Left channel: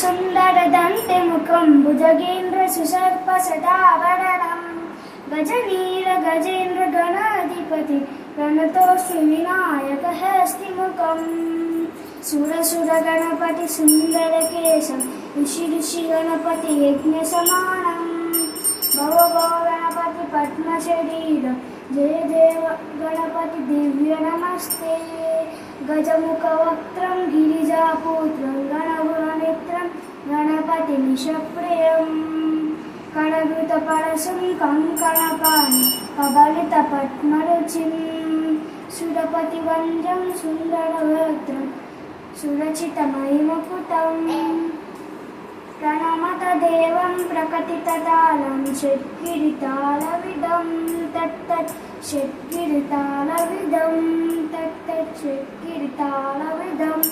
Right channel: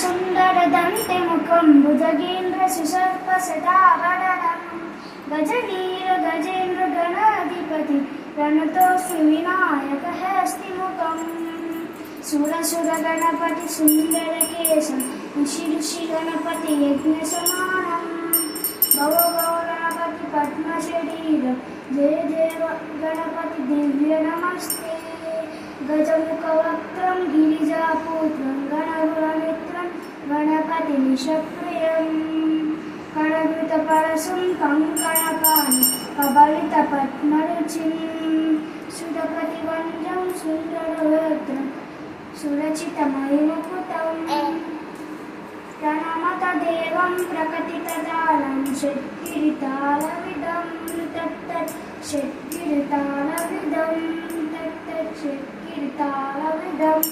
सुन्दरदन्तिमुखं भुजगेन्द्रसुसर्पशटाभरणं गजवीरगजेन्द्रगणाधिपति प्रणतोऽस्मि विनायकहस्तिमुखम् सुरसुरगणपति सुन्दरकेशं ऋषि यज्ञसमानं भव गणपति पद्मशरीरं जय देव गणपति दिव्य नमस्ते गजमुखवक्त्रं गिरिजापुत्रं गणगुणमित्रं गणपतिमिषप्रियं कणकृतपरशं कङ्कणपाणि कबलितपद्मरुचिं सुरपतिवन्द्यं सुन्दरवक्त्रं सुरचितमहिमपुतं प्रणमत देवं प्रकटिततालं षट्किरीटालविदं तत्तत् षट्किरीटालविदं तत्तत् षट्किरीटालविदम्